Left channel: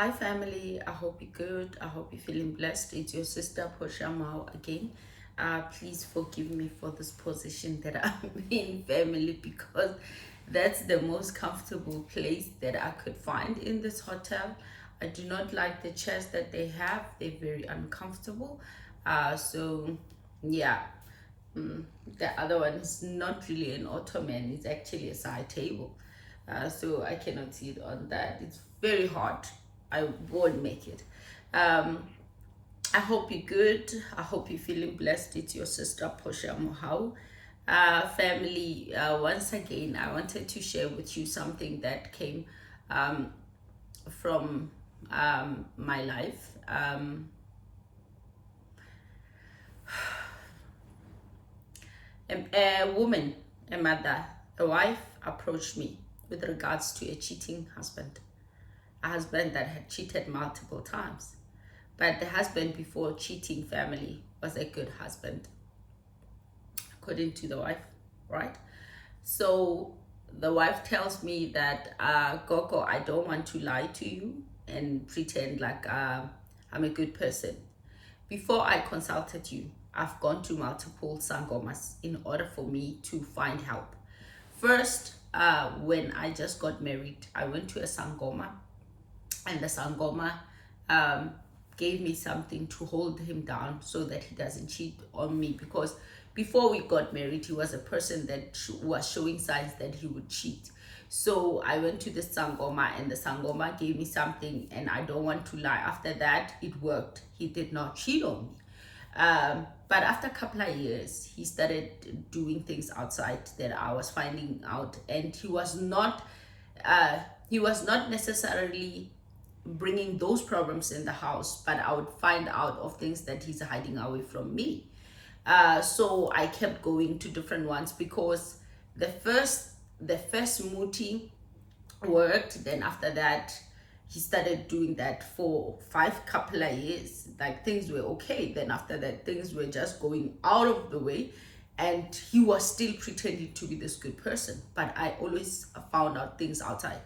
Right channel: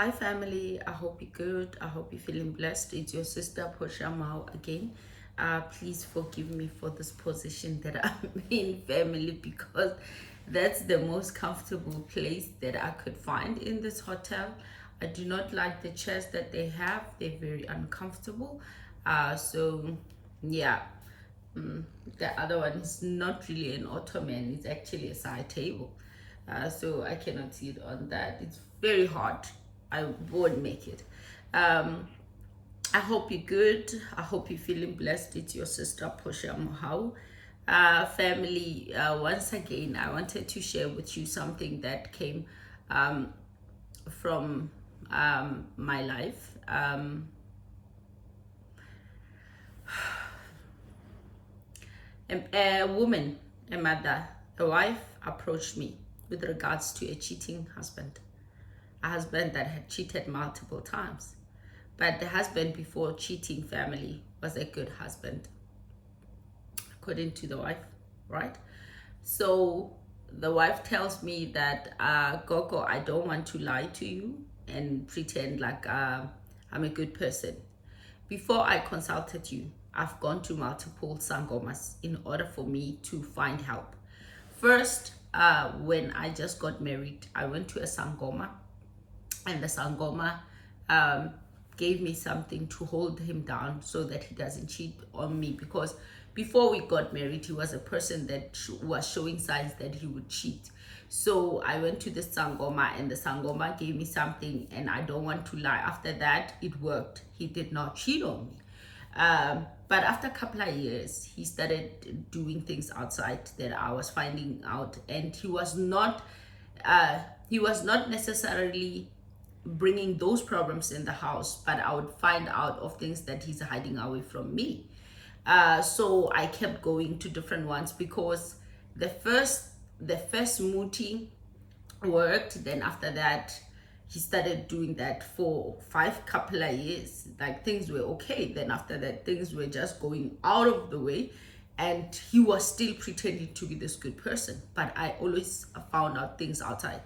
Hi family, I hope you're good. I hope you're feeling blessed. It's your sister Portia Mao again. Please forgive me for this position that I'm in, family, because that's the most comfortable place that I could find in this hotel. I do not like the chairs that they have. They're very uncomfortable. So yeah. Mm, the other one is not really an ottoman, it's actually a side table. So I cannot sit on that. It's very hard. I won't make it. Um, I hope you're good. I hope you're feeling blessed. It's your sister Portia Mohau. Family, once again, I wanted to share with you something that came um, from my life. A woman, a mother, a wife approached me with regards to a cheating husband, a husband that had cheated multiple times. But the husband before cheating, family, was a good husband, according to the wife, right? So the wife tells me that, Gogo, I don't want to lie to you and pretend like I'm a good person. Before I consulted you, I've gone to multiple sangomas in order for me to find help. First, when I just got married, I went to a sangoma, and the sangoma um, gave me something to hold him down so that he doesn't cheat on me, because before we got married he was a person that was showing signs that he would cheat. So I went to the sangoma, and the sangoma gave me something, and I don't want to lie, after that it worked. He did not cheat on me. But after a couple of years, he started doing things outside that I was finding out, and uh, he was not necessarily bringing those problems in the house, but I would find out of things that he's hiding away from me. So I kept going to different ones, because the first muti worked. Then after that, he started doing that for 5 couple of years. Like, things were okay. Then after that, things were just going out of the way, and he was still pretending to be this good person. But I always found out things outside,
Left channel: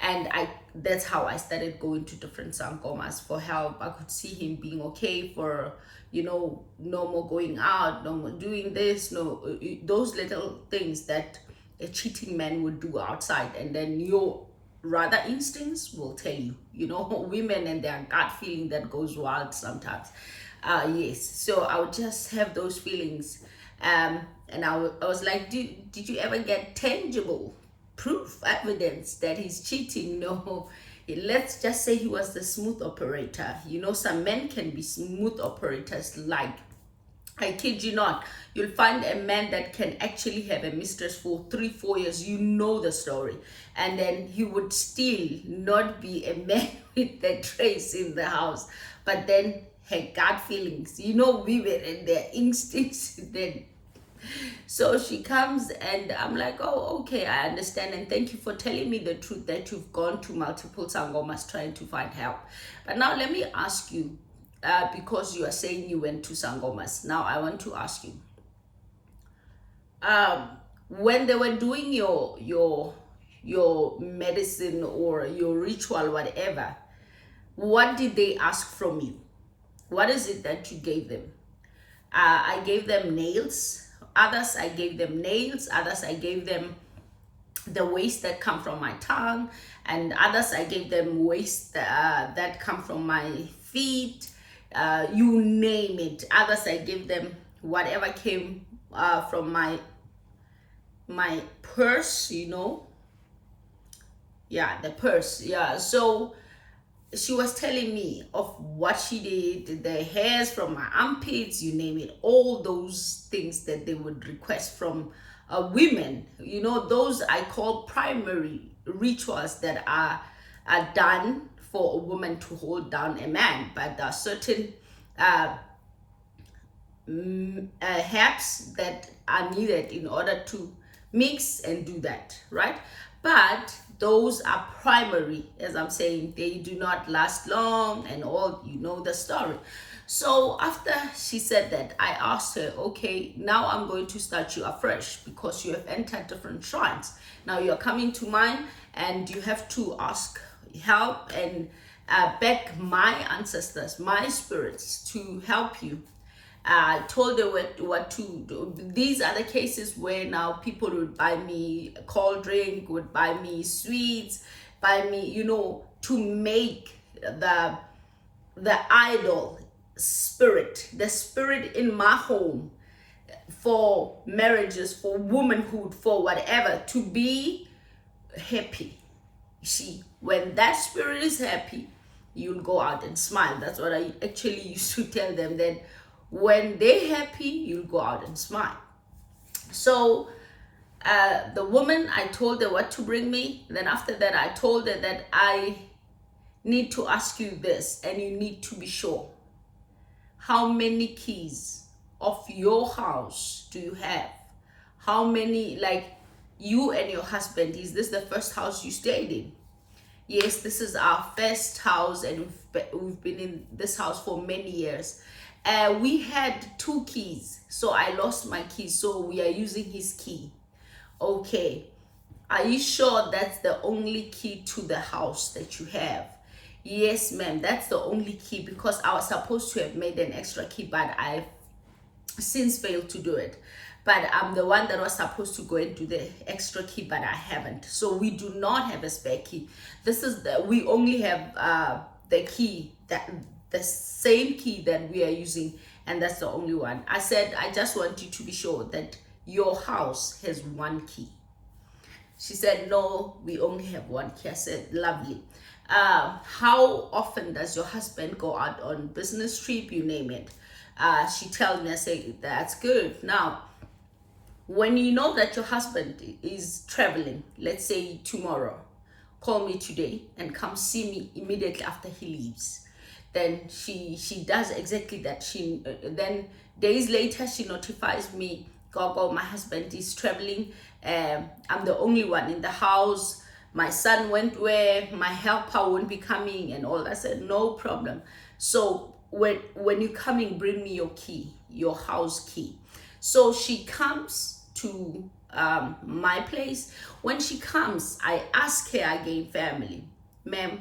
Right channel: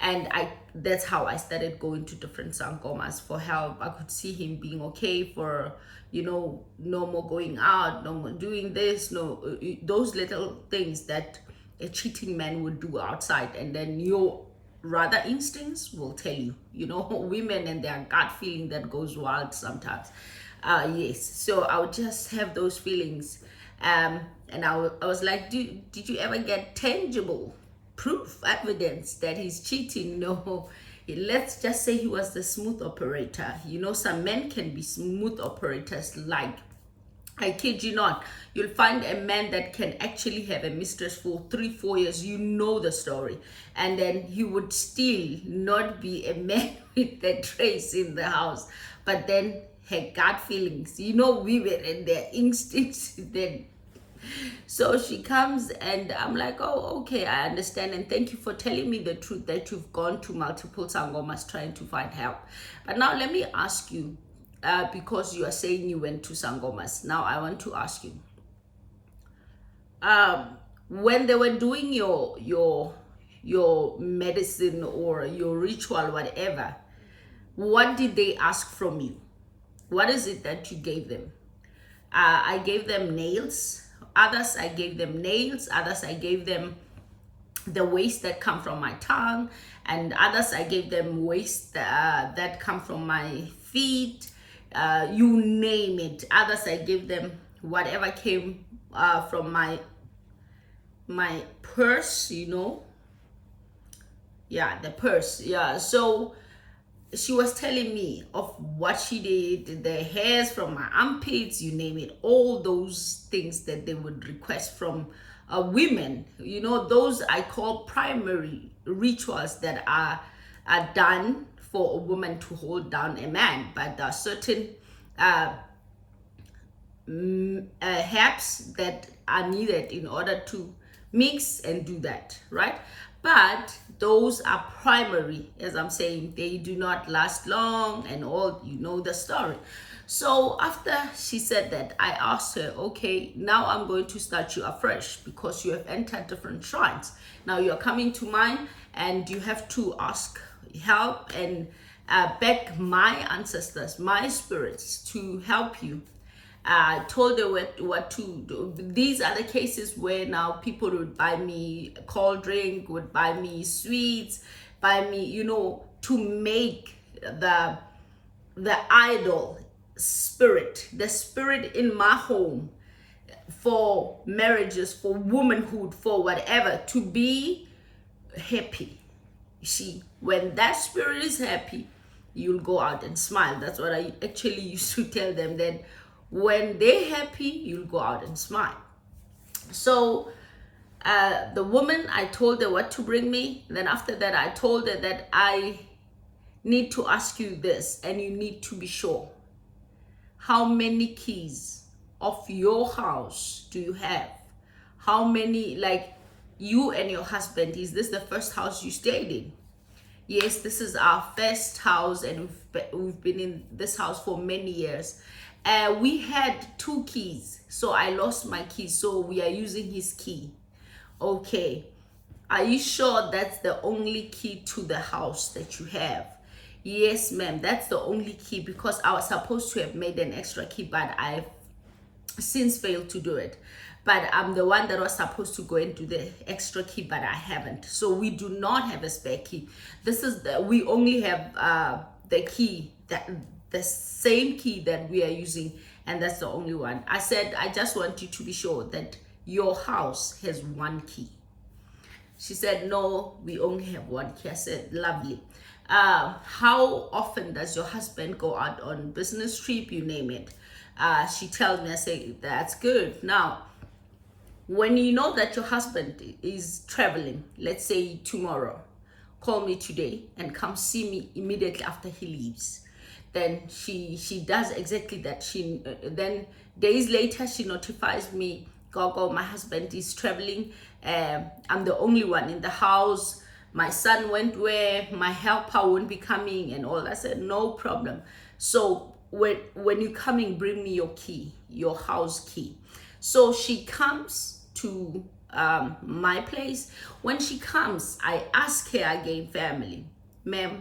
and that's how I started going to different sangomas for help. I could see him being okay for, no more going out, no more doing this, no, those little things that a cheating man would do outside. And then your rather instincts will tell you, women and their gut feeling that goes wild sometimes. Yes, so I would just have those feelings. And I was like, did you ever get tangible proof, evidence that he's cheating? No. Let's just say he was the smooth operator. Some men can be smooth operators. Like, I kid you not, you'll find a man that can actually have a mistress for 3-4 years. You know the story. And then he would still not be a man with the trace in the house. But then her gut feelings, women and their instincts, then. So she comes, and I'm like, oh, okay, I understand. And thank you for telling me the truth that you've gone to multiple sangomas trying to find help. But now let me ask you, because you are saying you went to sangomas. Now I want to ask you, when they were doing your medicine or your ritual, whatever, what did they ask from you? What is it that you gave them? I gave them nails. Others, I gave them nails. Others, I gave them the waste that come from my tongue. And others, I gave them waste that come from my feet. You name it. Others, I gave them whatever came from my purse, Yeah, the purse. Yeah. So she was telling me of what she did, the hairs from my armpits, you name it, all those things that they would request from women. Those I call primary rituals that are done for a woman to hold down a man. But there are certain herbs that are needed in order to mix and do that, right? But those are primary, as I'm saying. They do not last long, and all, the story. So after she said that, I asked her, okay, now I'm going to start you afresh, because you have entered different shrines. Now you're coming to mine, and you have to ask help and beg my ancestors, my spirits, to help you. I told her what to do. These are the cases where now people would buy me a cold drink, would buy me sweets, buy me, to make the idol spirit, the spirit in my home, for marriages, for womanhood, for whatever, to be happy. See, when that spirit is happy, you'll go out and smile. That's what I actually used to tell them, that when they're happy, you'll go out and smile. So the woman, I told her what to bring me. Then after that, I told her that I need to ask you this, and you need to be sure. How many keys of your house do you have? How many, like, you and your husband, is this the first house you stayed in? Yes, this is our first house, and we've been in this house for many years. We had 2 keys, so I lost my key, so we are using his key. Okay, are you sure that's the only key to the house that you have? Yes, ma'am, that's the only key, because I was supposed to have made an extra key, but I've since failed to do it. But I'm the one that was supposed to go and do the extra key, but I haven't. So we do not have a spare key. We only have the key, that the same key that we are using, and that's the only one. I said, I just want you to be sure that your house has 1 key. She said, no, we only have 1 key. I said, lovely. How often does your husband go out on business trip, you name it? She tells me, I say, that's good. Now, when you know that your husband is traveling, let's say tomorrow, call me today and come see me immediately after he leaves. Then she does exactly that. Then days later, she notifies me, Gogo, my husband is traveling. I'm the only one in the house. My son went where, my helper won't be coming and all. I said, no problem. So when you're coming, bring me your key, your house key. So she comes to my place. When she comes, I ask her again, family, ma'am,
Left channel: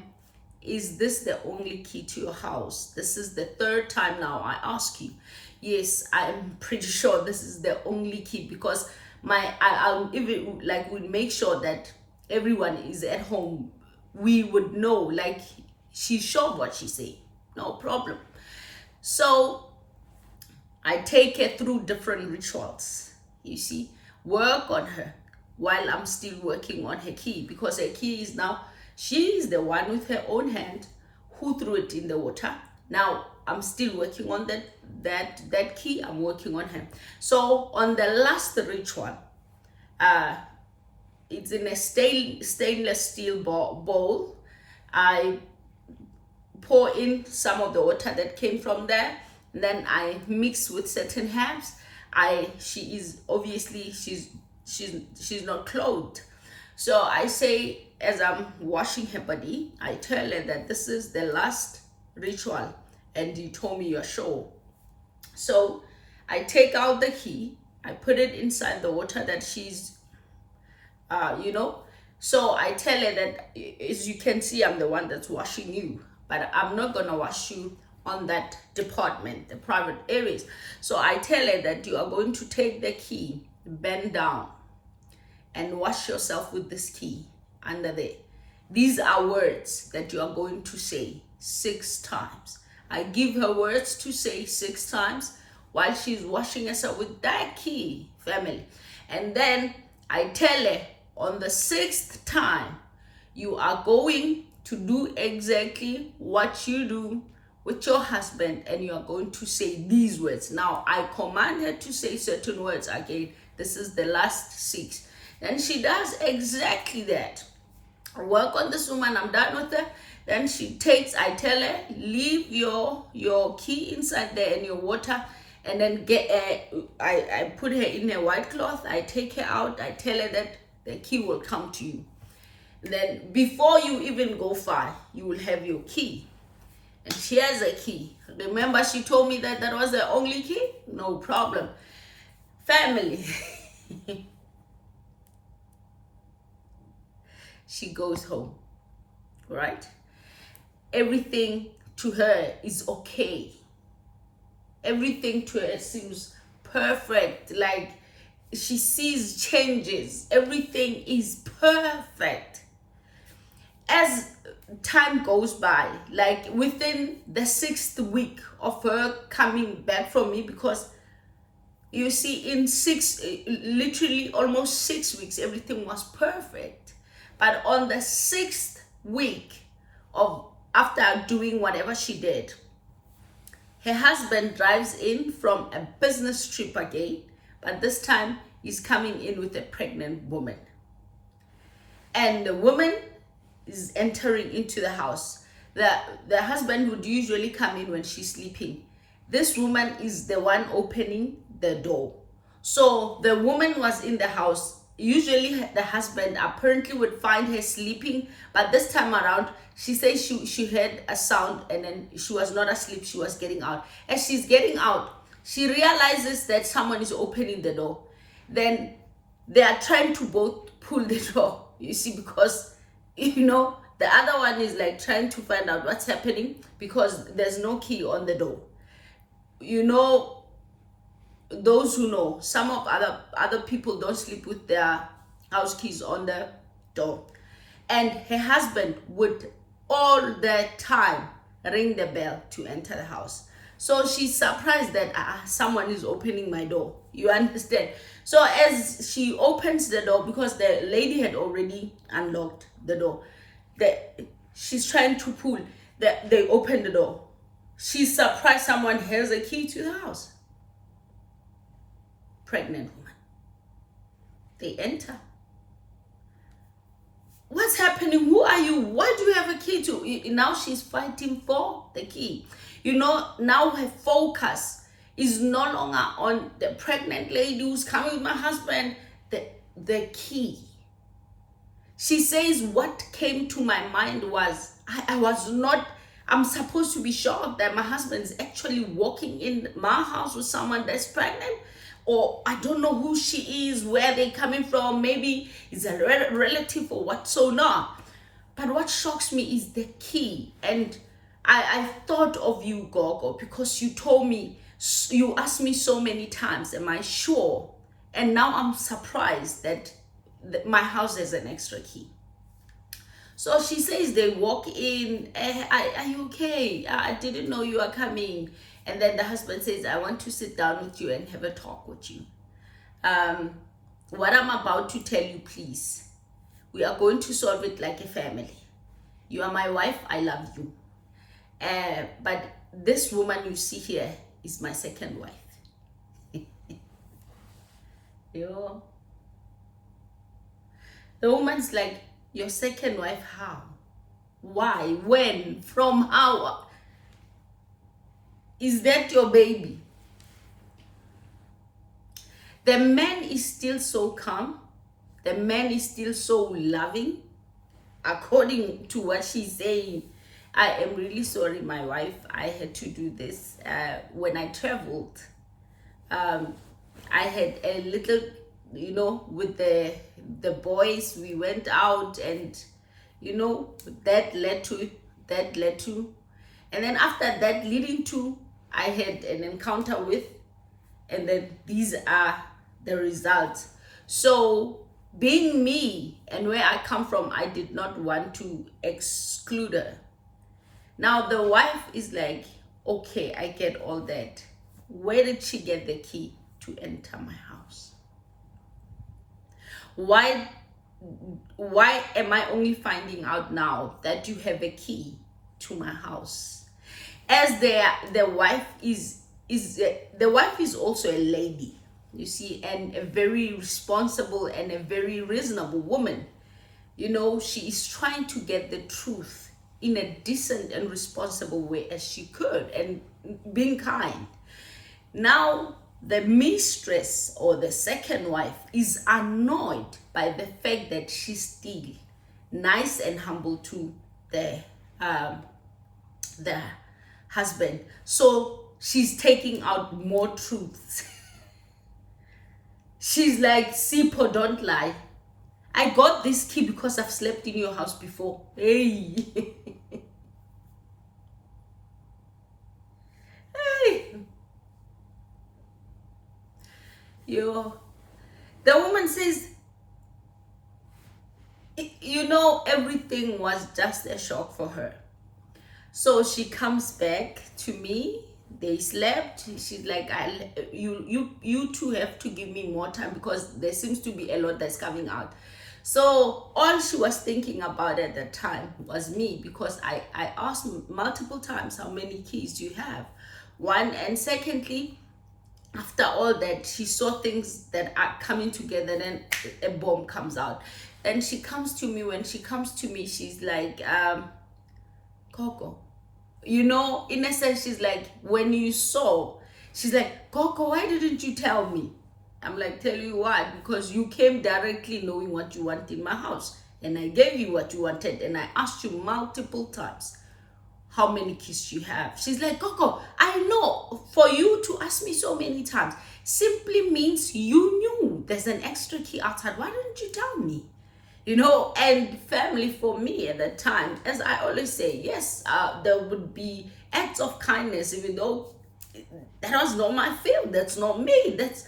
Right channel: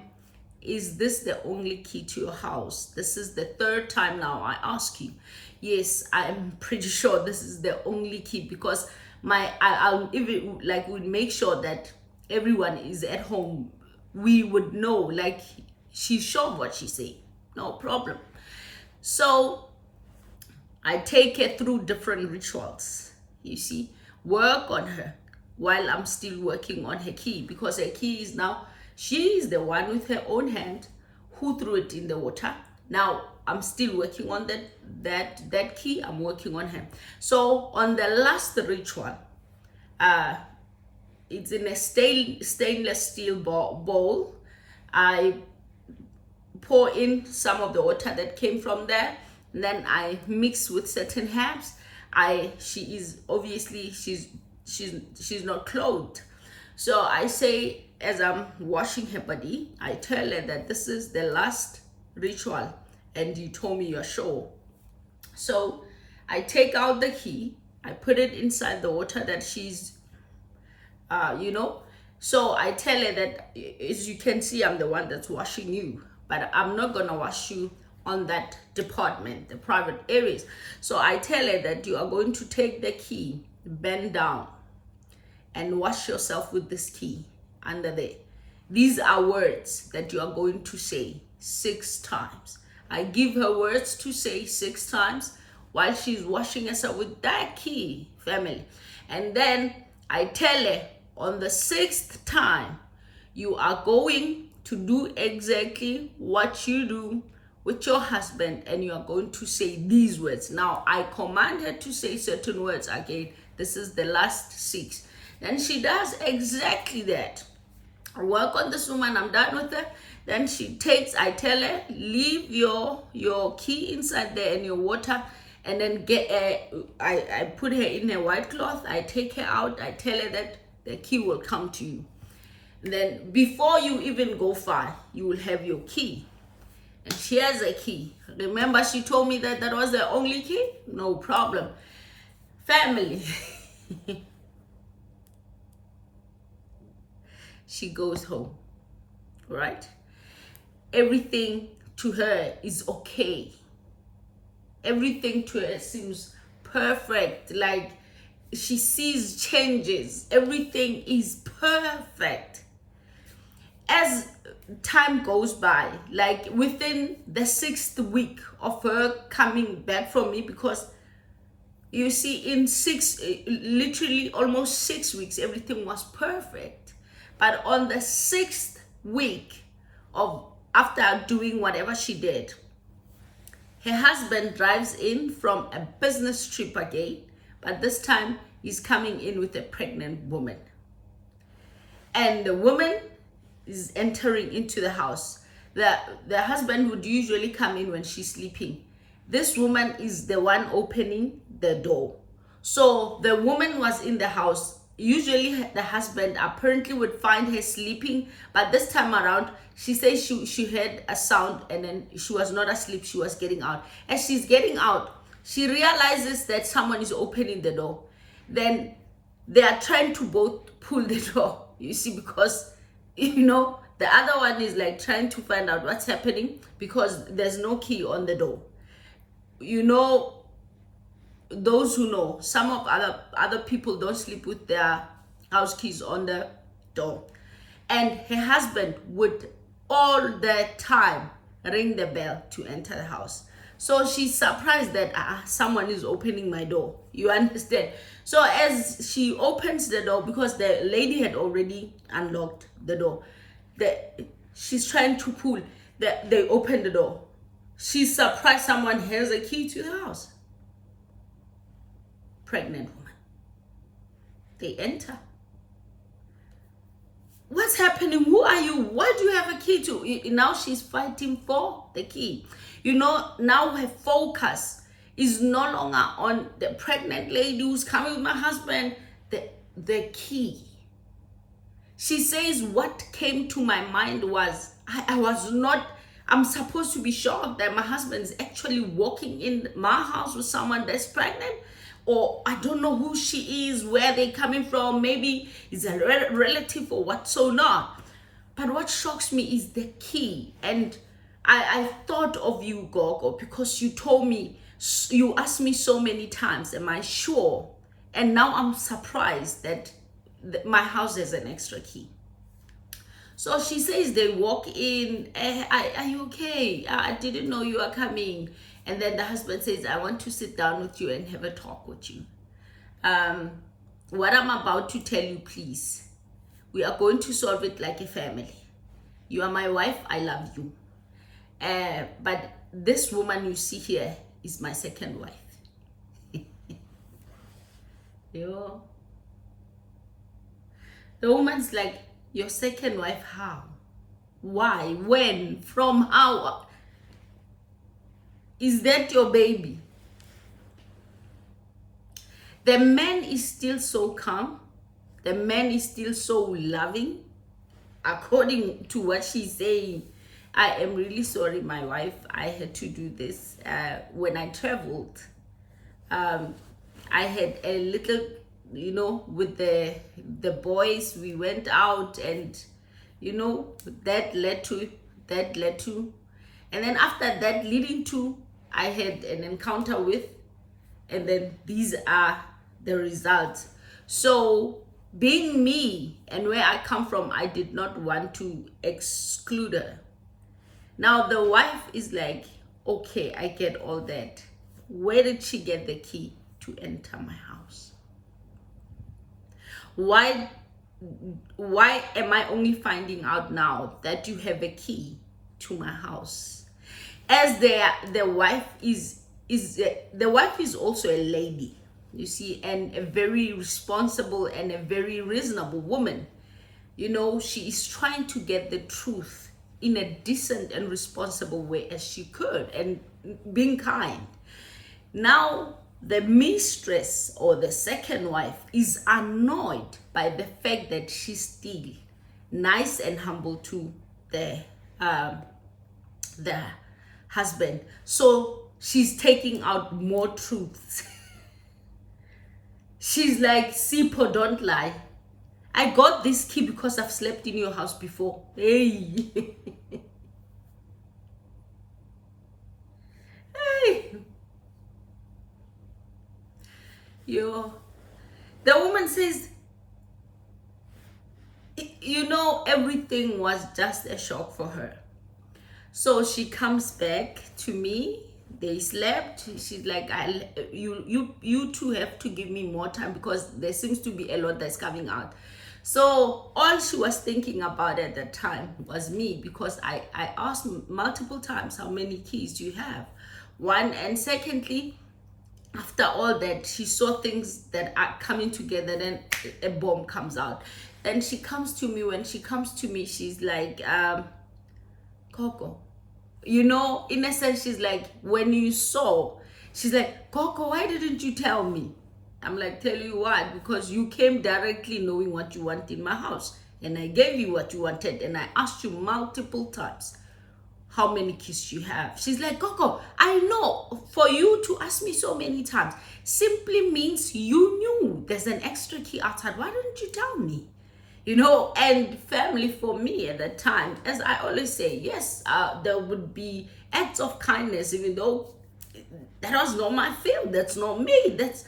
is this the only key to your house? This is the 3rd time now I ask you. Yes, I'm pretty sure this is the only key, because I'll even would make sure that everyone is at home. We would know, like, she's sure of what she say. No problem. So I take her through different rituals, you see, work on her while I'm still working on her key, because her key is now, she is the one with her own hand who threw it in the water. Now I'm still working on that key. I'm working on her. So on the last ritual, it's in a stainless steel bowl. I pour in some of the water that came from there, and then I mix with certain herbs. She is obviously, she's not clothed. So I say, as I'm washing her body, I tell her that this is the last ritual, and you told me you're sure. So I take out the key, I put it inside the water that she's, So I tell her that, as you can see, I'm the one that's washing you, but I'm not gonna wash you on that department, the private areas. So I tell her that you are going to take the key, bend down, and wash yourself with this key under there. These are words that you are going to say 6 times. I give her words to say 6 times while she's washing herself with that key, family. And then I tell her, on the 6th time, you are going to do exactly what you do with your husband, and you are going to say these words. Now, I command her to say certain words again. This is the last 6. Then she does exactly that. I work on this woman, I'm done with her. Then I tell her, leave your key inside there and your water, and then I put her in a white cloth. I take her out. I tell her that the key will come to you. And then before you even go far, you will have your key. And she has a key. Remember, she told me that was the only key? No problem. Family. She goes home. right? Everything to her is okay. Everything to her seems perfect. Like she sees changes. Everything is perfect. As time goes by, like within the 6th week of her coming back from me, because you see, in literally almost 6 weeks, everything was perfect. But on the 6th week of after doing whatever she did, her husband drives in from a business trip again, but this time he's coming in with a pregnant woman. And the woman is entering into the house. The husband would usually come in when she's sleeping. This woman is the one opening the door. So the woman was in the house. Usually the husband apparently would find her sleeping, but this time around she says she heard a sound and then she was not asleep, she was getting out. As she's getting out, she realizes that someone is opening the door. Then they are trying to both pull the door, you see, because the other one is like trying to find out what's happening because there's no key on the door. Those who know, some of other people don't sleep with their house keys on the door. And her husband would all the time ring the bell to enter the house. So she's surprised that someone is opening my door. You understand? So as she opens the door, because the lady had already unlocked the door, she's trying to pull. They open the door. She's surprised someone has a key to the house. Pregnant woman. They enter. What's happening? Who are you? Why do you have a key to? Now she's fighting for the key. Now her focus is no longer on the pregnant lady who's coming with my husband. The key. She says, what came to my mind was, I'm supposed to be shocked that my husband is actually walking in my house with someone that's pregnant. Or I don't know who she is, where they're coming from. Maybe it's a relative or what, so not. But what shocks me is the key. And I thought of you, Gogo, because you told me, you asked me so many times, am I sure? And now I'm surprised that my house has an extra key. So she says they walk in, are you okay? I didn't know you were coming. And then the husband says, I want to sit down with you and have a talk with you. What I'm about to tell you, please, we are going to solve it like a family. You are my wife, I love you. But this woman you see here is my second wife. Yo. The woman's like, your second wife, how? Why? When? From? How? Is that your baby? The man is still so calm. The man is still so loving. According to what she's saying, I am really sorry, my wife. I had to do this. When I traveled, I had a little, with the boys, we went out and, that led to. And then after that, leading to, I had an encounter with, and then these are the results. So being me and where I come from, I did not want to exclude her. Now the wife is like, okay, I get all that. Where did she get the key to enter my house? Why am I only finding out now that you have a key to my house? As the wife is also a lady, you see, and a very responsible and a very reasonable woman. She is trying to get the truth in a decent and responsible way as she could, and being kind. Now the mistress or the second wife is annoyed by the fact that she's still nice and humble to the husband. So she's taking out more truths. She's like, Sipo, don't lie. I got this key because I've slept in your house before. Hey. Hey. Yo. The woman says, you know, everything was just a shock for her. So she comes back to me. They slept. She's like, you two have to give me more time because there seems to be a lot that's coming out. So all she was thinking about at that time was me, because I asked multiple times, how many keys do you have? One, and secondly, after all that, she saw things that are coming together, then a bomb comes out. And she comes to me. When she comes to me, she's like, Coco, you know, in a sense, she's like, when you saw, she's like, Coco, why didn't you tell me? I'm like, tell you what? Because you came directly knowing what you want in my house, and I gave you what you wanted, and I asked you multiple times how many keys you have. She's like, Coco, I know for you to ask me so many times simply means you knew there's an extra key outside. Why didn't you tell me? You know, and family for me at that time, as I always say, yes, there would be acts of kindness, even though that was not my field. That's not me. That's,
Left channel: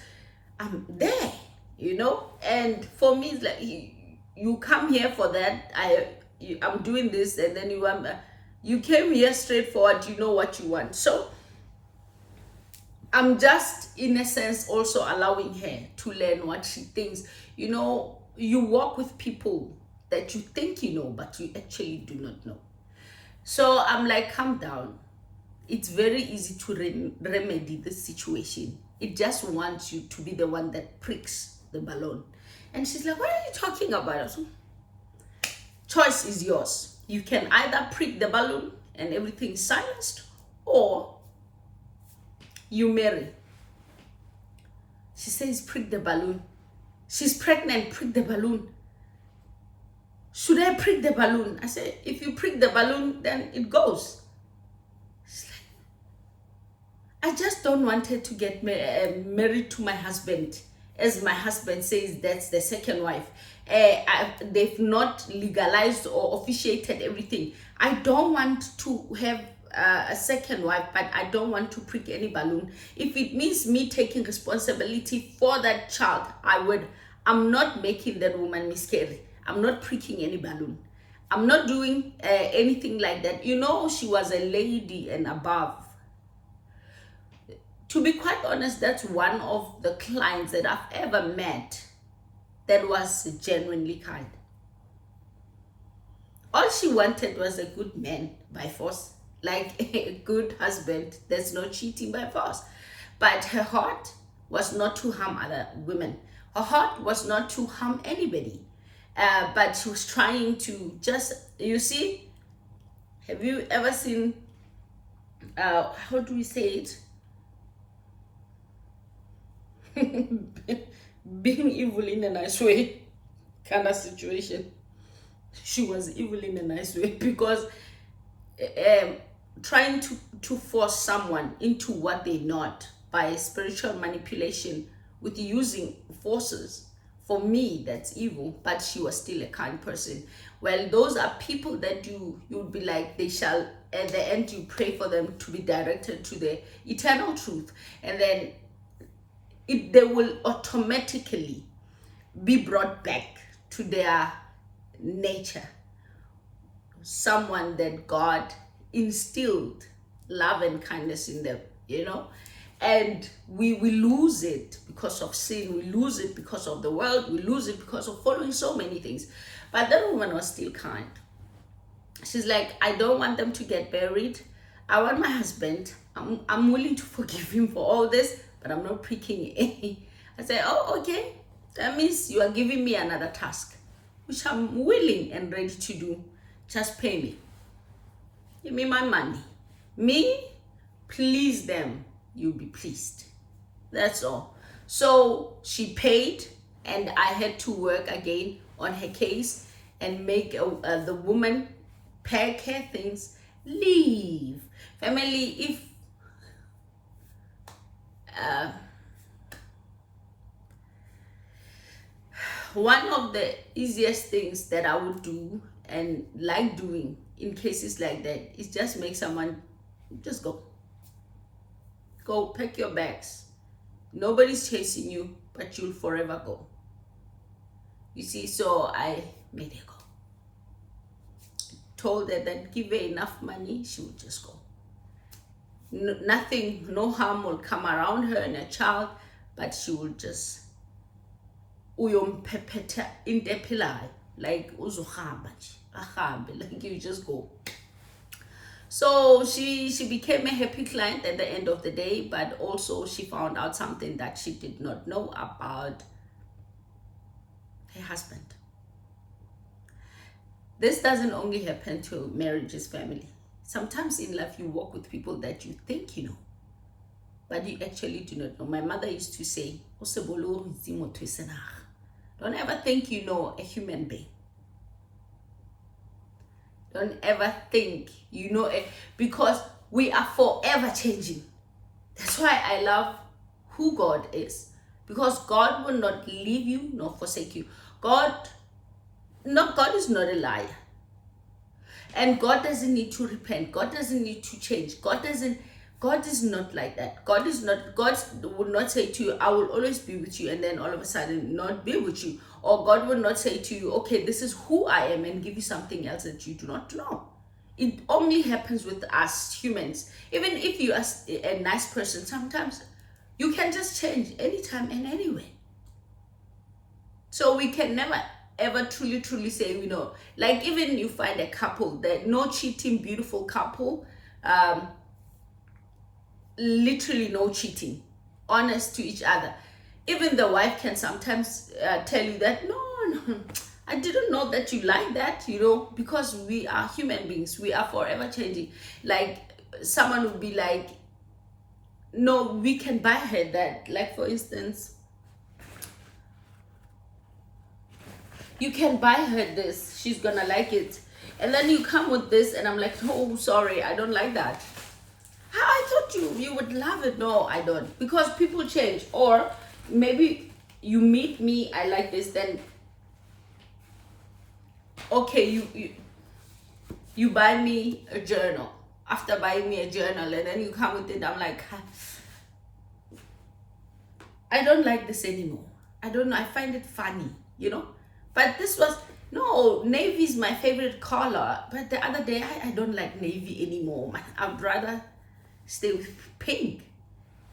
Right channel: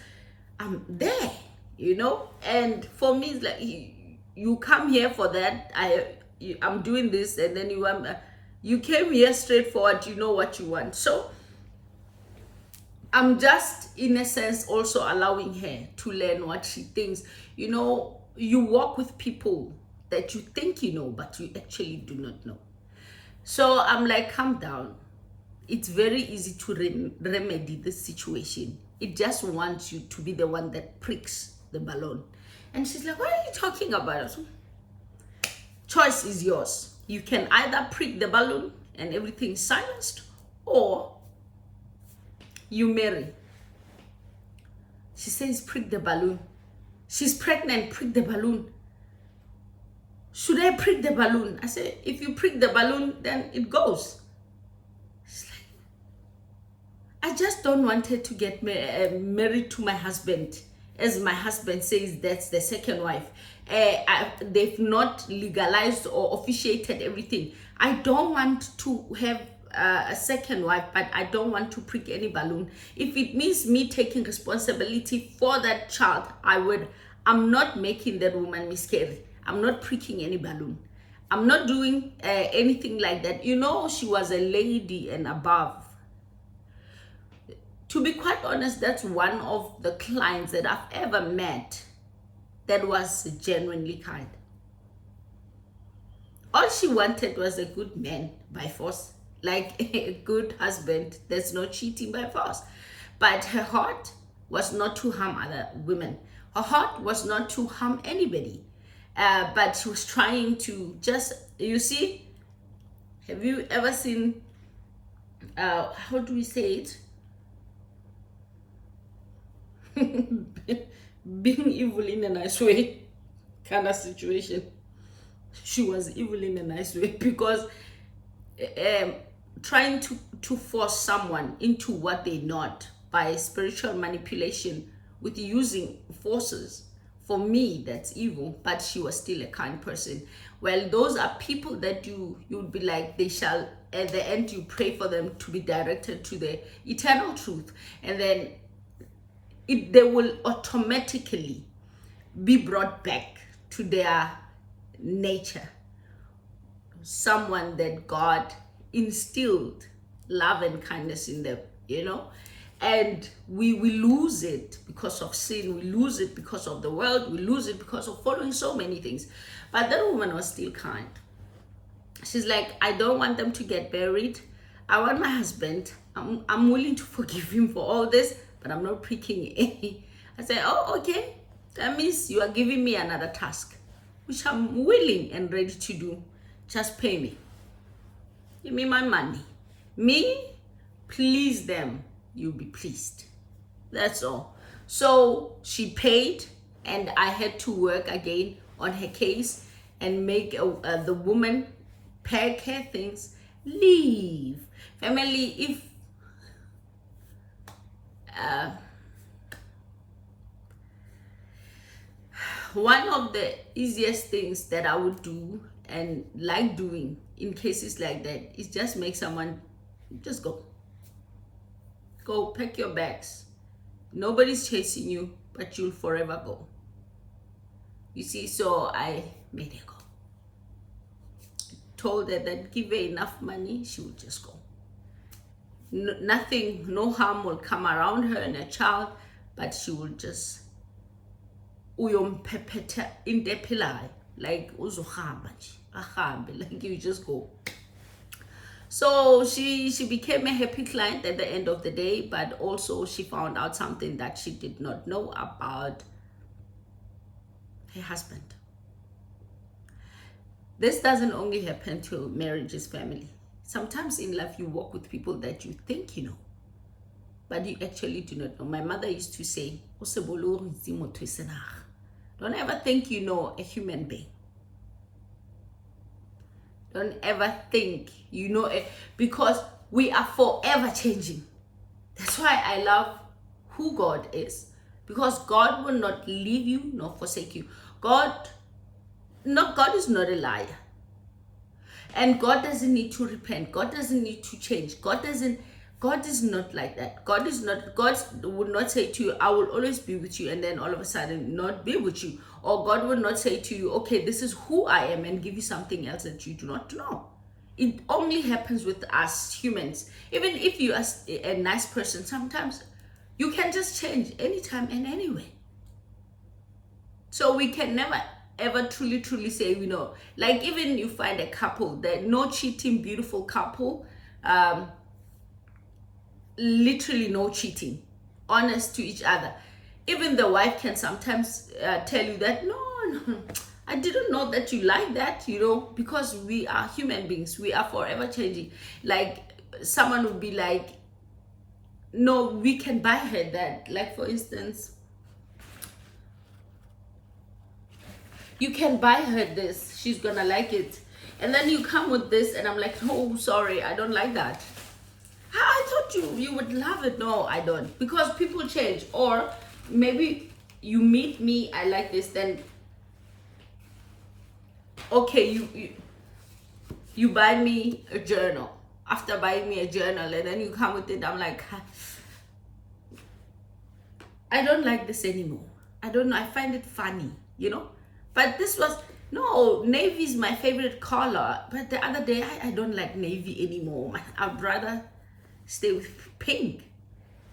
I'm there, you know. And for me, it's like, you come here for that. I'm doing this, and then you came here straightforward. You know what you want. So I'm just, in a sense, also allowing her to learn what she thinks. You know, you walk with people that you think you know, but you actually do not know. So I'm like, calm down. It's very easy to remedy this situation. It just wants you to be the one that pricks the balloon. And she's like, what are you talking about? So, choice is yours. You can either prick the balloon and everything's silenced, or you marry. She says, prick the balloon. She's pregnant, prick the balloon. Should I prick the balloon? I said, if you prick the balloon, then it goes. She's like, I just don't want her to get married to my husband. As my husband says, that's the second wife. They've not legalized or officiated everything. I don't want to have a second wife, but I don't want to prick any balloon. If it means me taking responsibility for that child, I would. I'm not making that woman miscarry. I'm not pricking any balloon. I'm not doing anything like that. You know, she was a lady and above. To be quite honest, that's one of the clients that I've ever met that was genuinely kind. All she wanted was a good man by force, like a good husband. There's no cheating by force. But her heart was not to harm other women. Her heart was not to harm anybody. But she was trying to just, you see, have you ever seen, how do we say it? Being evil in a nice way kind of situation. She was evil in a nice way, because trying to force someone into what they're not by spiritual manipulation with using forces, for me, that's evil. But she was still a kind person. Well, those are people that you'd be like, they shall, at the end, you pray for them to be directed to the eternal truth, and then they will automatically be brought back to their nature. Someone that God instilled love and kindness in them, you know. And we lose it because of sin. We lose it because of the world. We lose it because of following so many things. But that woman was still kind. She's like, I don't want them to get buried. I want my husband. I'm willing to forgive him for all this, but I'm not pricking any. I said, oh, okay. That means you are giving me another task, which I'm willing and ready to do. Just pay me. Give me my money. Me, please them. You'll be pleased. That's all. So she paid, and I had to work again on her case and make the woman pack her things, leave. Family, if one of the easiest things that I would do and like doing in cases like that is just make someone just go pack your bags. Nobody's chasing you, but you'll forever go. You see, so I made her go. Told her that give her enough money, she would just go. Nothing, no harm will come around her and her child, but she will just uyompepeta indepilai, like uzohamba nje, like you just go. So she became a happy client at the end of the day, but also she found out something that she did not know about her husband. This doesn't only happen to marriages, family. Sometimes in life you walk with people that you think you know, but you actually do not know. My mother used to say, don't ever think you know a human being. Don't ever think you know it, because we are forever changing. That's why I love who God is, because God will not leave you nor forsake you. God is not a liar. And God doesn't need to repent. God doesn't need to change. God is not like that. God would not say to you, I will always be with you, and then all of a sudden not be with you. Or God will not say to you, okay, this is who I am, and give you something else that you do not know. It only happens with us humans. Even if you are a nice person, sometimes you can just change anytime and anywhere. So we can never ever truly say we know. Like, even you find a couple that no cheating, beautiful couple, literally no cheating, honest to each other. Even the wife can sometimes tell you that no, I didn't know that you like that, because we are human beings. We are forever changing. Like, someone would be like, no, we can buy her that. Like, for instance, you can buy her this, she's gonna like it, and then you come with this and I'm like, oh, sorry, I don't like that. I thought you would love it. No, I don't, because people change. Or maybe you meet me, I like this, then okay, you buy me a journal. After buying me a journal, and then you come with it, I'm like, I don't like this anymore. I don't know, I find it funny, but this was, no, navy is my favorite color, but the other day I don't like navy anymore. I'd rather stay with pink.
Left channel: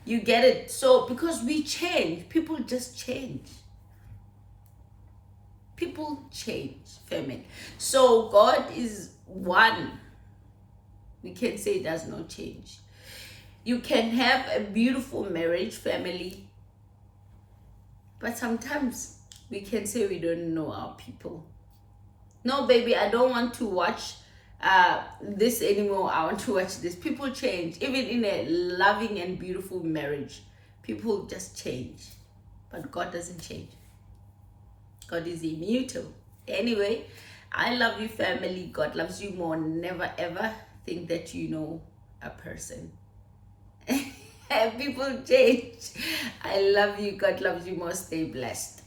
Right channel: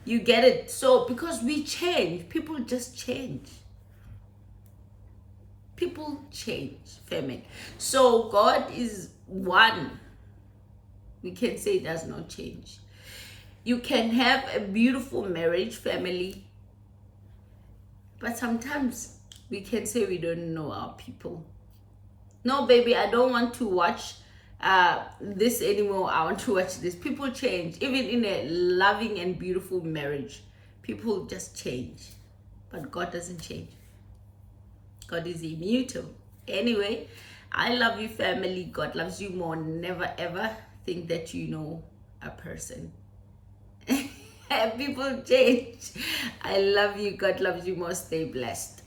You get it? So because we change, people just change. People change, family. So God is one. We can say it does not change. You can have a beautiful marriage, family, but sometimes we can say we don't know our people. No, baby, I don't want to watch this anymore. I want to watch this. People change. Even in a loving and beautiful marriage, people just change. But God doesn't change. God is immutable. Anyway, I love you, family. God loves you more. Never ever think that you know a person. People change. I love you. God loves you more. Stay blessed.